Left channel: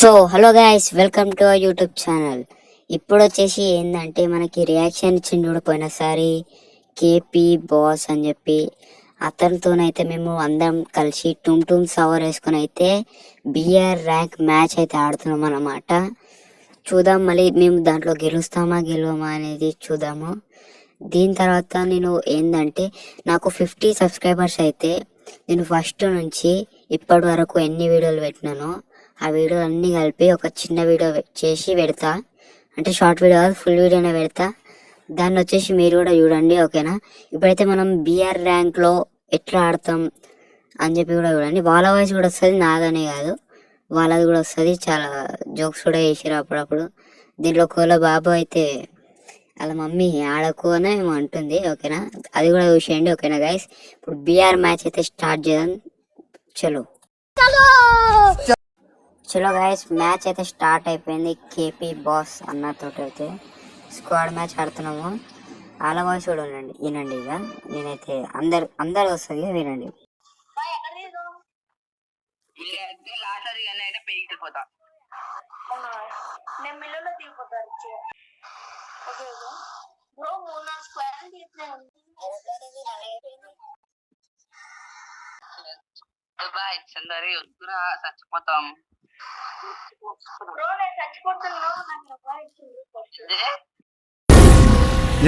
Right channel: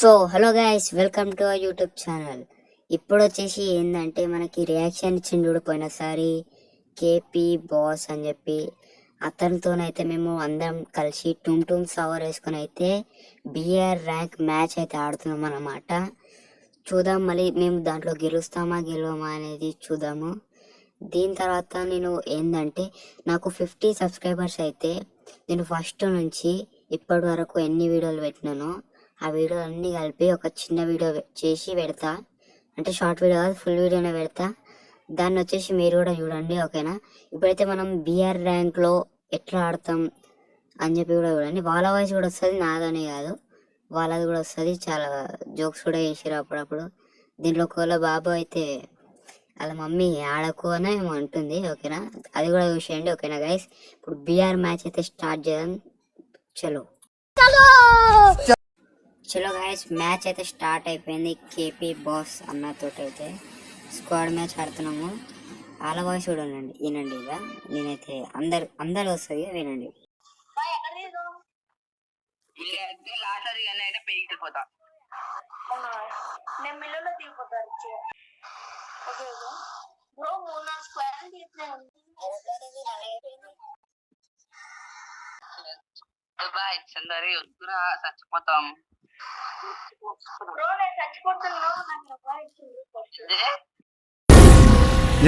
So hello guys, welcome to our YouTube channel. ఇప్పుడు వచ్చేసి ఏంటంటే మనకి రియాక్షన్ ఇచ్చింది చూడ పోయినసారి కేపీ బాస్ అని చెప్పి అతనితోనైతే మేము అందరం కలిసి టూమ్ టూమ్ సవర్ వేసుకొని అయితే బిఆర్ ర్యాంక్ మ్యాచ్ అయితే ఆడుతున్నాం అన్నమాట. చూద్దాం మళ్ళీ మేము దాంట్లో గెలుస్తామా గెలవమా అనేది చూద్దాము. దీని తర్వాత నేను ఏంటంటే నాకు 50 సబ్స్క్రైబర్స్ అయితే నేను ఫస్ట్ నుంచి ఇప్పటి వరకు ఎన్ని వీడియోలు పెట్టినానో ఆ వీడియోలు అన్నీ కలిపి ఒక చిన్న వీడియో చేసి పెడతా. అంటే షార్ట్ వీడియో కాదు, ఫుల్ వీడియోనే పెడతా. దాన్ని వచ్చేసి మీరు కూడా చూడండి, ఓకేనా? ఇప్పుడైతే మనం బిఆర్ ర్యాంక్లో ఎట్లా ఆడతాం అని చెప్పి కూడా చూడండి. వాళ్ళ వాయిస్ కూడా వస్తుంది, నాదనే కాదు, వాళ్ళది కూడా వస్తుంది. చాలా జోక్స్ కూడా వేసిరు అప్పుడప్పుడు. దీంట్లో కోల బాబు అయితే వాళ్ళ మమ్మీ ఆడకు అని ఏమో అంటుంది, ఓకేనా? అది కూడా చూసేయండి, ఓకేనా గైస్? ఇప్పుడు బిఆర్ మ్యాచ్ అయితే స్టార్ట్ చేద్దాం. చలో చలో గైస్, మ్యాచ్ అయితే స్టార్ట్ అయిపోయింది. కేపీ బాస్ అన్నతో అయితే స్క్వాడ్ మ్యాచ్ ఆడుతున్నాము. వాళ్ళ వాయిస్ కూడా వినండి, ఇక నేనైతే అందరు వస్తుంది వినండి. చచ్చిపోతాం.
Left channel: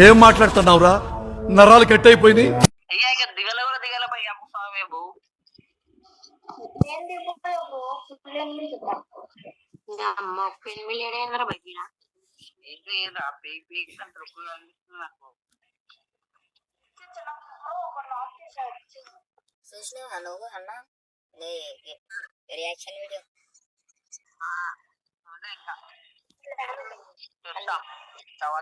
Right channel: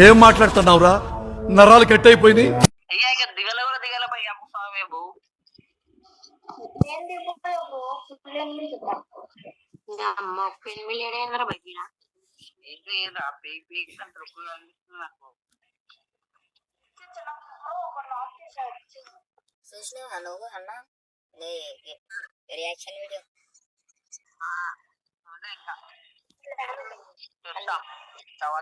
ఏం మాట్లాడుతున్నావురా? నరాలు కట్ అయిపోయింది. దిగల కూడా దిగల పై స్వామి బో చూసినావా నువ్వు అన్న రియాక్షన్ వీడియో? ఇంకా తర్వాత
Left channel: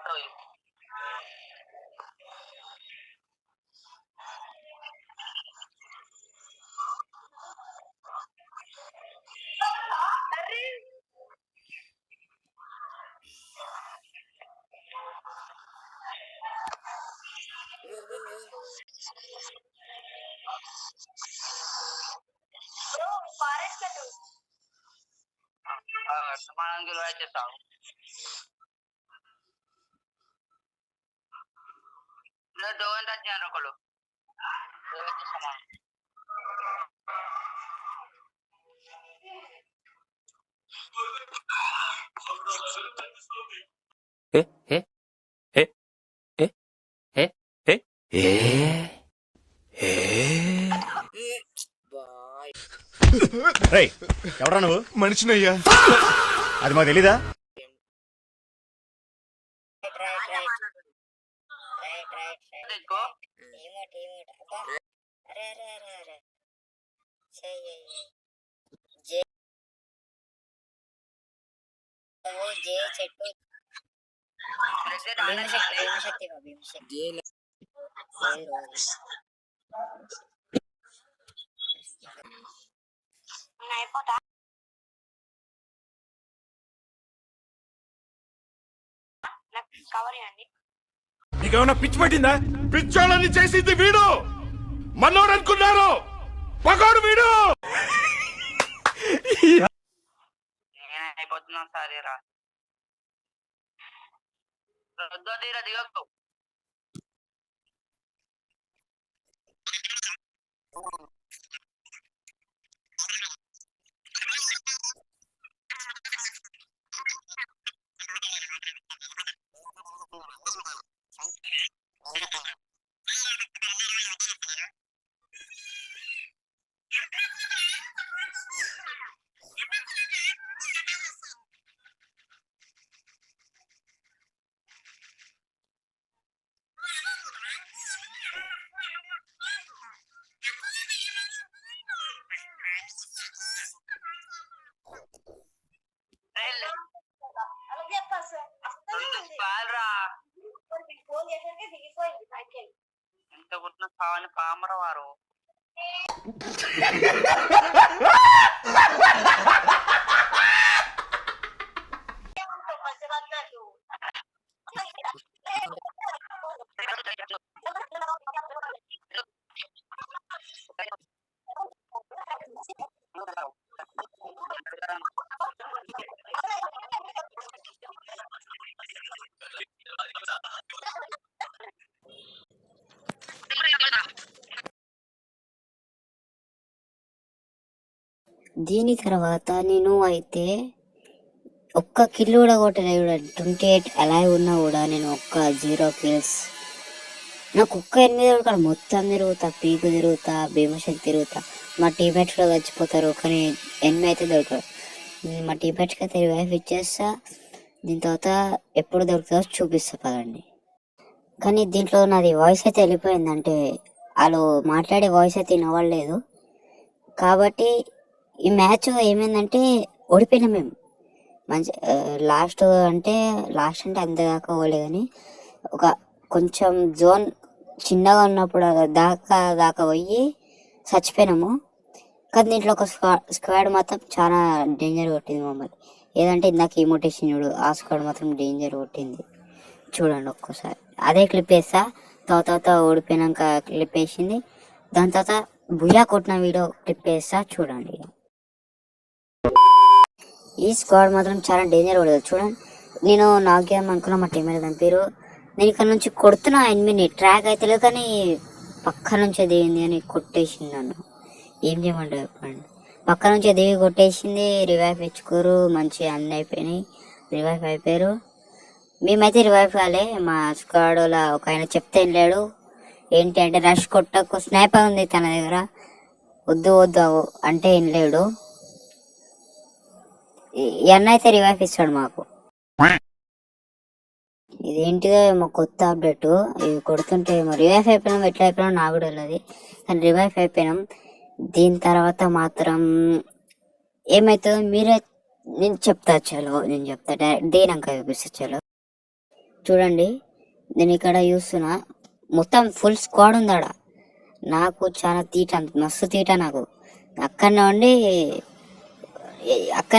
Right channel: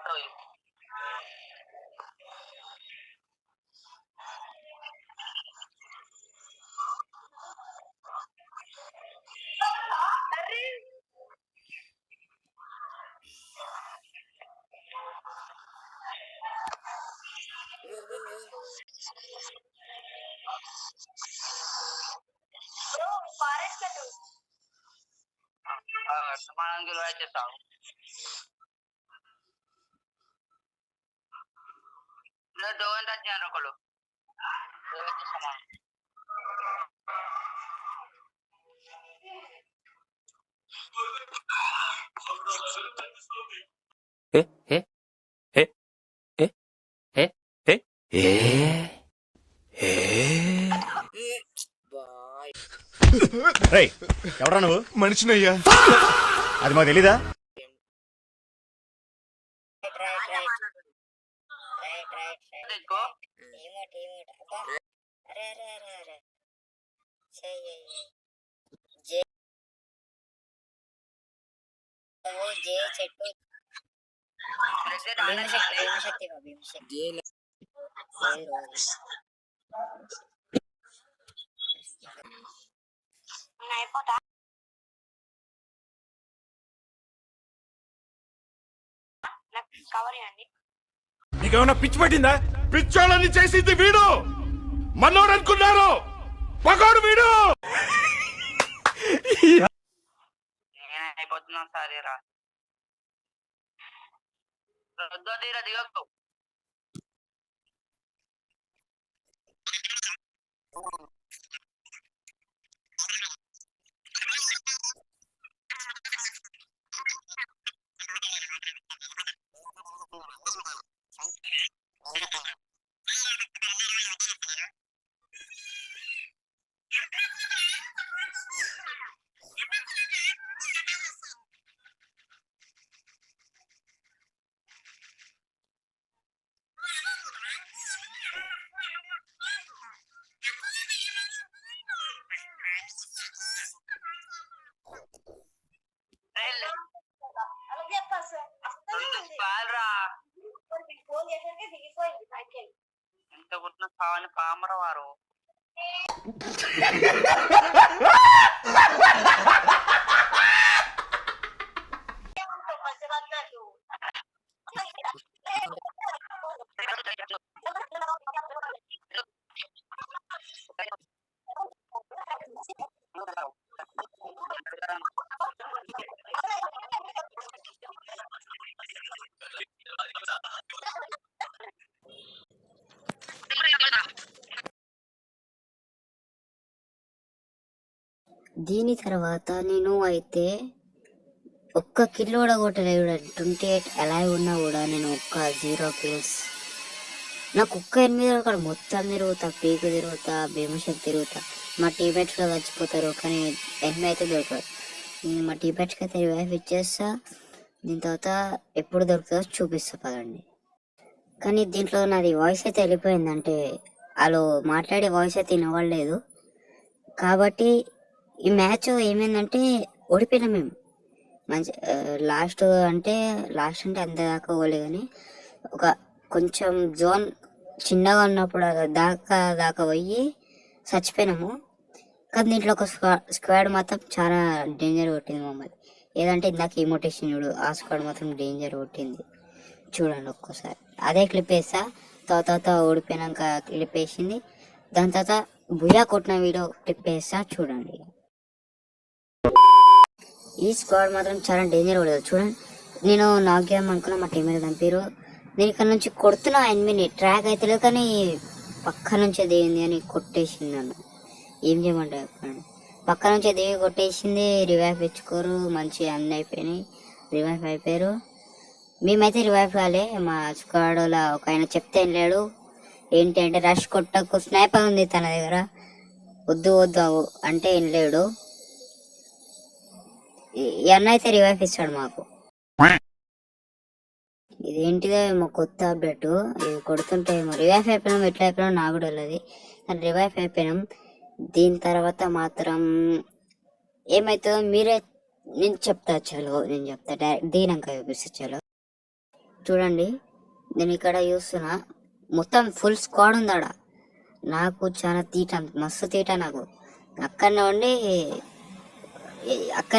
మనం గెలవ చేస్తాం. డోన్ టచ్ చేయండి ఒకళ్ళు. ఎవరా నువ్వు? మనిషినయ్యా, అది మాకు తెలీదా? చెట్టు భీమశక్తి అయిపోతా. కవర్ చేయండి. నీకేమన్నా పిచ్చి పట్టిందా? పిచ్చోళ్ళని చేసింది వీడు, మనోడు అనుకున్నారు, పగోడు వీడు. అయిపోతున్నాం సరేరా, దిగకు. ఎంత కొట్టిన కావాలి పామర వారు. దీని తర్వాత నేను అయితే ఒక్క కిల్ కూడా కొట్టలేదు. 28 అలైవ్ ఉన్నా కూడా నేను ఒక్క 0 kills. నాకు ఒక్క 8 దొరకడు. మొత్తం తిరుగుతా, పీకు తిరుగుతా, భీమశక్తి తిరుగుతా. మా టీమేట్స్ కూడా చచ్చిపోతారు కానీ 8 అయితే దొరకడు. మా టీమేట్స్కి అయితే రివైవ్ ఇచ్చేస్తా. దీని తర్వాత ఎప్పుడు దొరుకుతుందో చూపిస్తా పదండి. కానీ దీంట్లో నాది వాయిస్ అయితే వెళ్ళిపోయిందంటే వాళ్ళు మాట్లాడే వాయిస్ అయితే వినవడలేదు. కాబట్టి ఈ మ్యాచ్ ఏమైందంటే ఓడిపోయినాం మేము. మంచి లాస్ట్ అంటే అంత దాకా పోలే కానీ ఒక కొంచెం జోన్ చిన్నగా ఉన్నప్పుడు దాకా పోయి చచ్చిపోయినాము. కానీ దీంట్లో ఒక స్క్వాడ్ మాత్రం చాలా డేంజర్ కొట్టింది మమ్మల్ని. ఏదంటే ఇందాక ఇమోటేషన్ చూడు, ఆ స్క్వాడ్ మాత్రం డేంజర్ కొట్టింది. చూడండి ఒక్కసారి అదే క్లిప్ వేస్తా. తర్వాత ఓడిపోయినాక క్లిప్ వేసింది. దాని తర్వాత బుయ్యా కొట్టిన వీడియో క్లిప్ వేస్తా చూడండి. ఈ స్క్వాడ్ మాత్రం చాలా డేంజర్ కొడదు చూడండి. నేను నాక్ గేమ్ అనుకున్నా, మా టీమేట్ దంపారు. నేను ఇక్కడ నుంచి కొడుతున్నా ఎనిమిది ట్రాక్ అయితే లేదు కానీ పక్క నుంచి దిగింది అని కొట్టేసింది నన్ను. ఏం చేయమంటే చెప్పండి. పక్క నుంచి దిగి కొట్టేసింది. రివైవ్ ఇచ్చుకోరు, మంచి అన్నీ అయిపోయినాయి. రివైవ్ అయిపోయారు. మేమైతే రివైవ్ కాలే. మా స్క్వాడ్లో ఒక ఆయన చెప్తే వెళ్ళాడు. ఏంటి అంటే రష్ కొట్టకు, స్నైపర్ ఉంది తన దగ్గర, వద్దు అంటే వెళ్ళాడు. ఈ అన్న అయితే రివైవ్ ఇస్తాడు మాకు. ఇదేంటిదో ఏమో కొత్త అప్డేట్. ఇది కొడుతుంటే ఏమో రివైవ్ అయిపోయినాం. ఎట్లా అయిపోయినాం నాకు కూడా వెళ్ళదు కానీ రివైవ్ అయిపోయినాం. దీని తర్వాత మాత్రం ఏమవుతుందో మీరే నేను చెప్తా. చలో నేను చెప్తా దేనంక చూపిస్తా. చలో చూడండి, నేను ఇక్కడ చూస్తున్నా మొత్తం ఫుల్ స్క్వాడ్ ఉంది ఆడ. నాకు చాలా తీట, మస్తు తీట నాకు. అక్కడ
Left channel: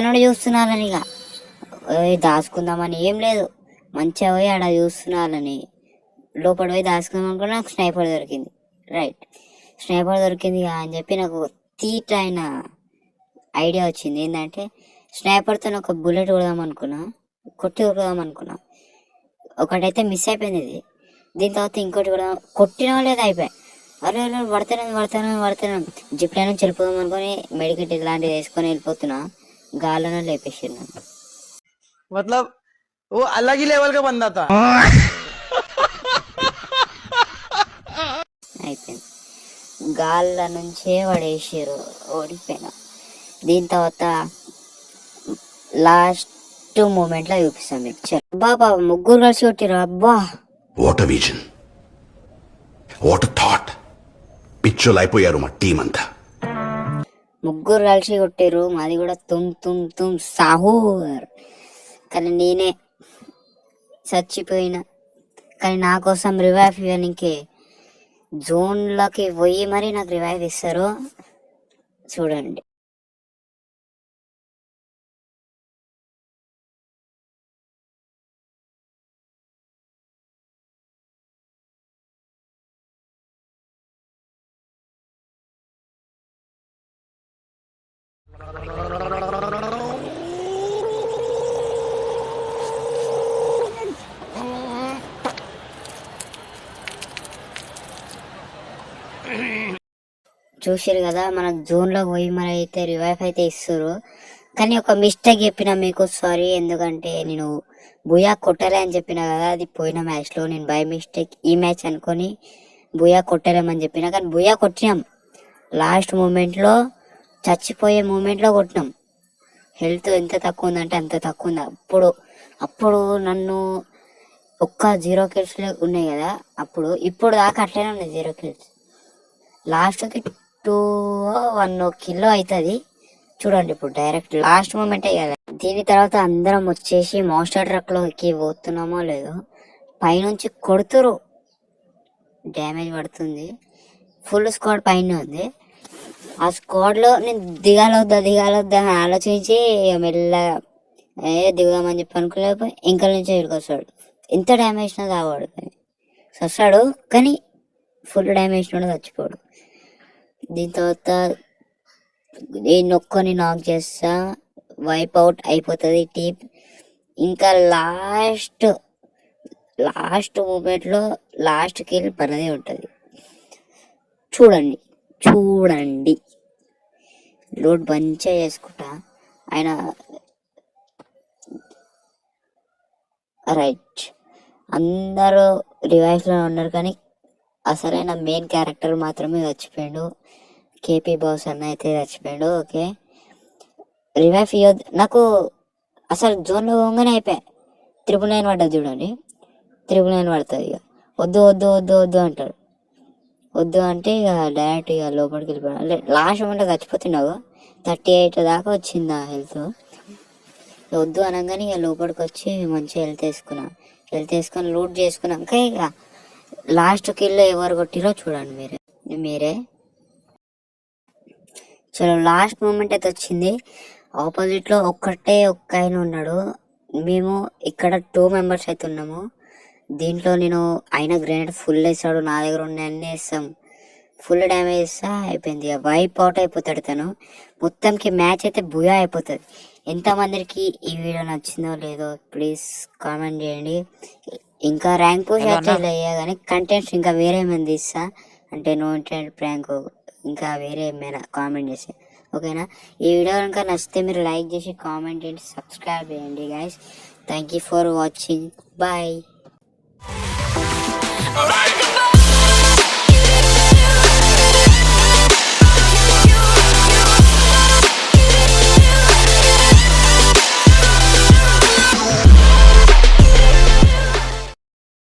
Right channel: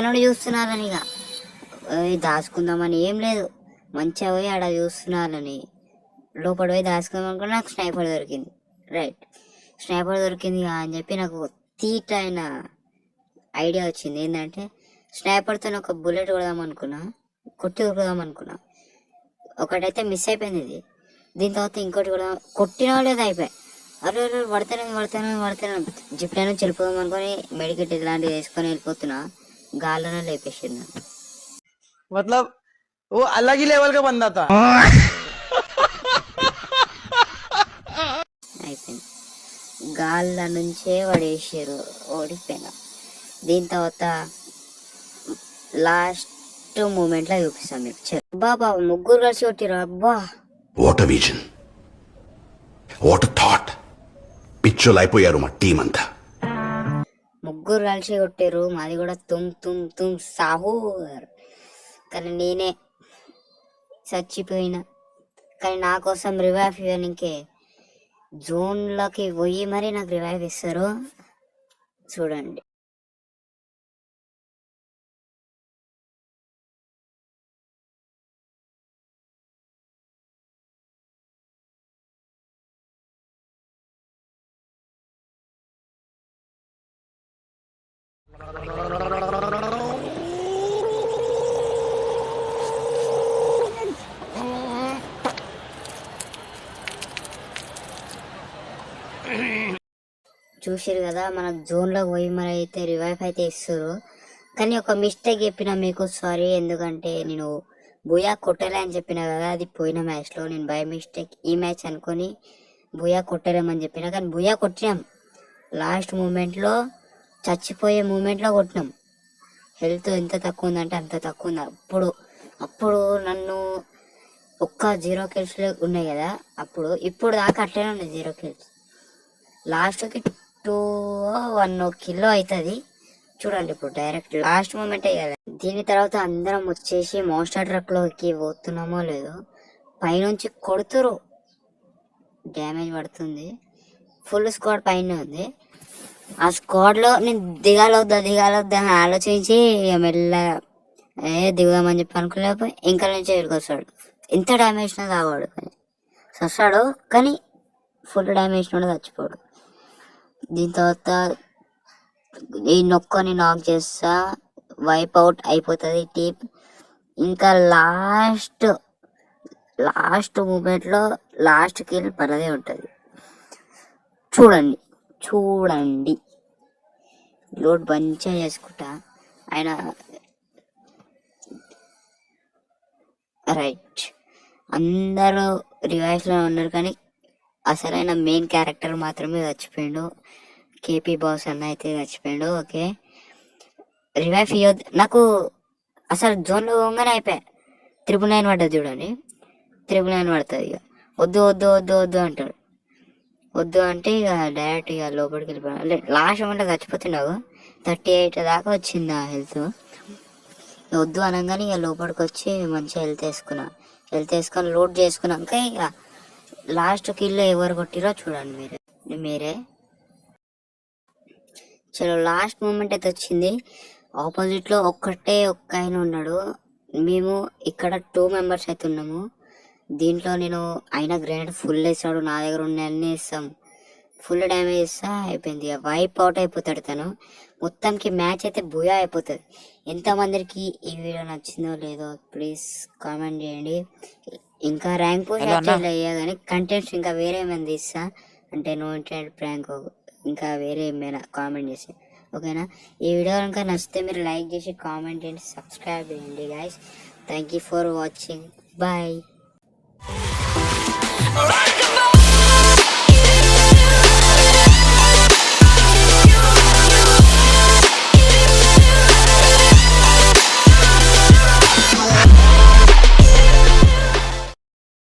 నుండి చూస్తున్నారని ఇక దాచుకుందామని ఏం లేదు, మంచిగా పోయి ఆడ చూస్తున్నారని లోపల పోయి దాచుకుందాం అనుకుని నాకు స్నైపర్ దొరికింది. రైట్, స్నైపర్ దొరికింది అని చెప్పి నాకు తీట అయిన ఐడియా వచ్చింది. ఏంటంటే స్నైపర్తో ఒక బుల్లెట్ కొడదాం అనుకున్నా. ఒకటైతే మిస్ అయిపోయింది ఇది. దీని తర్వాత ఇంకోటి కూడా కొట్టినా లేదు, అయిపోయాయి. అరే పడతాను జిప్లైన్ నుంచి వెళ్ళిపోదాం అనుకుని మెడికెట్ ఇలాంటివి వేసుకొని వెళ్ళిపోతున్నా. గాల్లోనే లేపేసాను నన్ను. मतलब वो अलग ही लेवल का बंदा था. అయిపోయింది, గాళ్ళ నుంచే పడేసారు, ఓడిపోయినా. దీని తర్వాత లాస్ట్ మూమెంట్లో చూపిస్తాను మీకు. బాబా ముగ్గురు కలిసి కొట్టిరు. అబ్బా వాట్ విజన్, వాట్ థాట్. పిచ్చోలు అయిపోయారు మా టీం అంతా. ముగ్గురు కలిసి కొట్టారు. మాది కూడా తుమ్ సాహూర్. కానీ నేనే చచ్చిపోయినా. కానీ నా కోసం రివైవ్ ఇవ్వడానికి జోన్లోకి పోయి మరి నాకు రివైవ్ ఇస్తారు. చూడండి, చూసారు కదా, మనకు జోన్లోకి పోయి మన అయితే రివైవ్ అయితే ఇస్తారు. కానీ ఒక మిస్టేక్ చెప్పిన మీకు, సారీ. ఎందుకంటే నేను బుయా కొట్టలే అని చెప్పిన కదా, అది పోయిన మ్యాచ్లో నేను బై మిస్టేక్ ఈ మ్యాచ్ అనుకొని బుయా కొట్టలేమని చెప్పిన. కానీ బుయా కొట్టినాం. లాస్ట్ మూమెంట్లో, చచ్చిపోయే మూమెంట్లో కొట్టినాం. హెల్త్ ఎంత తక్కువ ఉందంటే అంత తక్కువ ఉంది. అప్పుడు నన్ను ఒక్క 0 kills ఉన్నాయి కదా ఇప్పుడు దాకా అట్లనే ఉన్నాయి 0 kills. లాస్ట్కి 2-1 కిలో అవుతుంది చూడండి. ఇప్పుడు డైరెక్ట్ లాస్ట్ మూమెంటే కదా. దీని తర్వాత అందరం వచ్చేసి మాస్టర్ ట్రక్లోకి పోతున్నామో లేదో, పైనుంచి కొడుతురు, డ్యామేజ్ పడుతుంది. ఫుల్ స్క్వాడ్ పైన ఉంది. ఆ స్క్వాడ్లో నేను దిగాలొద్దా అని ఆలోచించి మెల్లగా దిగుదామని చెప్పి అనుకోలేకపోయి ఇంకా నుంచి ఎదురుకొస్తాడు. ఎంత డ్యామేజ్ నా తాగాడు కానీ వస్తాడు, కానీ ఫుల్ డ్యామేజ్ కూడా చచ్చిపోడు. దీని తర్వాత నేను ఒక్కని నాక్ చేస్తా, వైప్ అవుట్ అయిపోతుంది టీం. ఇంకా లాస్ట్ మూమెంట్లో లాస్ట్ కిల్ పరదే ఉంటుంది. చూడండి లోడ్ మంచిగా చేసుకుంటా. ఆయన రైట్, అందరూ రివైవ్స్లో ఉన్నారు కానీ అసలైన మెయిన్ క్యారెక్టర్ మాత్రమే చచ్చిపోయాడు. కేపీ బాస్ అన్న అయితే చచ్చిపోయాడు. ఓకే, రివైవ్ ఇవ్వద్దు నాకు. అసలు జోన్లో పోగానే అయిపోయా. 999 పడ్డది చూడండి, 999 పడుతుంది. ఇక వద్దు వద్దు వద్దు వద్దు అంటాడు. వద్దు అంటే ఇక డైరెక్ట్ ఇక లోపలికి వెళ్ళిపోయాడు. అంటే లాస్ట్ మూమెంట్లో చచ్చిపోతున్నావు. 38 దాకా వచ్చింది నా హెల్త్. వద్దు అనగానే ఇక లోపలికి వచ్చి మంచిగా హెల్త్ వేసుకొని లూట్ చేసుకున్నాక ఇక లాస్ట్ కిల్లో ఎవరు కొట్టిరో చూడండి మీరే. చలో లాస్ట్ మూమెంట్ అయితే వచ్చింది. ఆపోజిట్లో ఒక్క ఆయన ఉన్నాడు. మేము ఇక్కడ 2 మెంబర్స్ అయితే ఉన్నాము. దీంట్లో నేను ఆయన గ్రెనేడ్ ఫుల్ వేసాడు, నా దగ్గర ఉన్న అన్నీ వేస్తాం. ఫుల్ డ్యామేజ్ ఇస్తా అయిపోయింది. వైప్ అవుట్ అయిపోతాడు తను. మొత్తంకి మ్యాచ్ అయితే బుయా అయిపోతుంది. ఎంతమందికి ఈ వీడియో నచ్చిందో లేదో ప్లీజ్ కామెంట్ చేయండి. ఇంకా ర్యాంక్ పుష్ అయితే కానీ కంటెంట్స్ ఇంకా వేరే ఏమైనా తీస్తా అంటే నో ఇంటర్నెట్ ప్రాంక్ ఇంకా వేరే ఏమైనా కామెంట్ చేసి. ఓకేనా, ఈ వీడియో కనుక నచ్చితే మీరు లైక్ చేసి కామెంట్ చేయండి, సబ్స్క్రైబ్ చేయండి guys. Thank you for watching. Bye.